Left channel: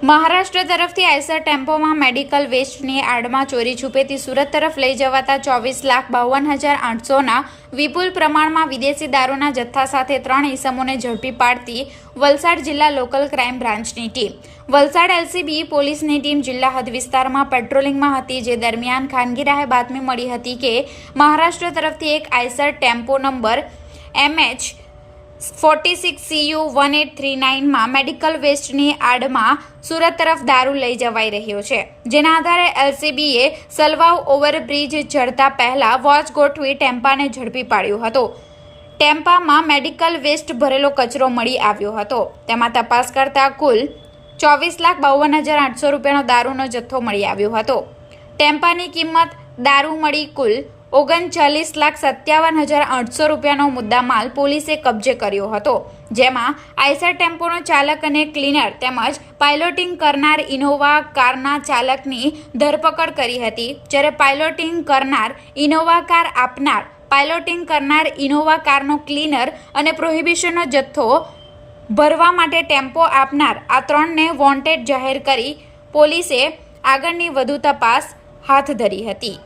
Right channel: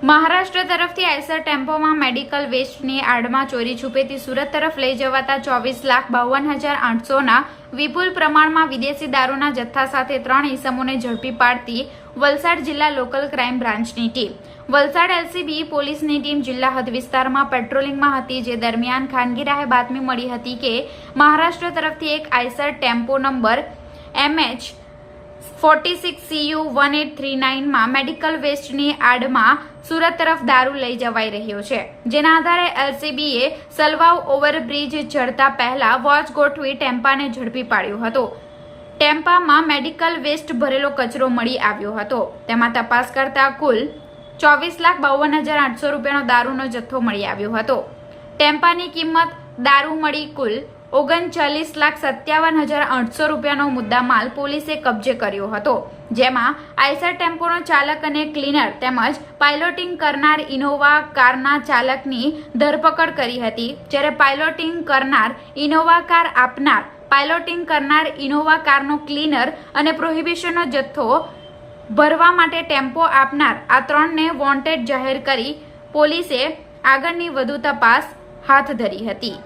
મહારાષ્ટ્ર તરફથી Eicher ટેમ્પોમાં medical વેસ્ટની આડમાં ચોરી છુપેથી સુરત તરફ લઈ જવાતા ચોવીસ લાખ બાવન હજાર આઠસોના વિપુલ પ્રમાણમાં વિદેશી દારૂના જથ્થા સાથે ત્રણ ઈસમોને ઝડપી પાડતી વલસાડ જિલ્લા લોકલ ક્રાઇમ બ્રાન્ચની ટીમ. વલસાડ એલસીબી પોલીસની ટીમ જિલ્લા હદ વિસ્તારમાં પેટ્રોલિંગમાં હતી, જે દરમિયાન ખાનગી રાહે બાતમી મળી હતી કે મહારાષ્ટ્ર તરફથી એક Eicher tempo number MH forty six CU one eight three નાઇનમાં medical વેસ્ટની આડમાં સુરત તરફ દારૂ લઈ જવાઈ રહ્યો છે, જેના આધારે એલસીબીએ સલવાવ ઓવરબ્રિજ ચડતા પહેલા વોચ ગોઠવી ટેમ્પાને ઝડપી પાડ્યો હતો. ટેમ્પામાં મેડિકલ વેસ્ટ ભરેલો કચરો મળી આવ્યો હતો. તેમાં તપાસ કરતા કુલ ચોવીસ લાખ બાવન હજાર આઠસો રૂપિયાનો દારૂનો જથ્થો મળી આવ્યો હતો. ટેમ્પાની કિંમત દારૂ મળી કુલ ઓગણચાલીસ લાખ સત્યાવન હજાર આઠસો રૂપિયાનો મુદ્દામાલ પોલીસે કબજે કર્યો હતો, જેમાં આઈસર ટેમ્પોનો ચાલક અને ક્લીનર તેમજ પાયલોટિંગ કરનાર ઇનોવા કારના ચાલકની ધરપકડ કરી હતી, જ્યારે પાયલોટિંગ કરનાર ઇનોવા કાર આપનાર, પાયલોટિંગ કરનાર ઇનોવા કારનો ક્લીનર અને પ્રોહિબિશનનો જથ્થો ભરવા માટે ટેમ્પો આપનાર આ ત્રણને વોન્ટેડ જાહેર કરી પોલીસે આગળની વધુ તપાસ હાથ ધરી હતી.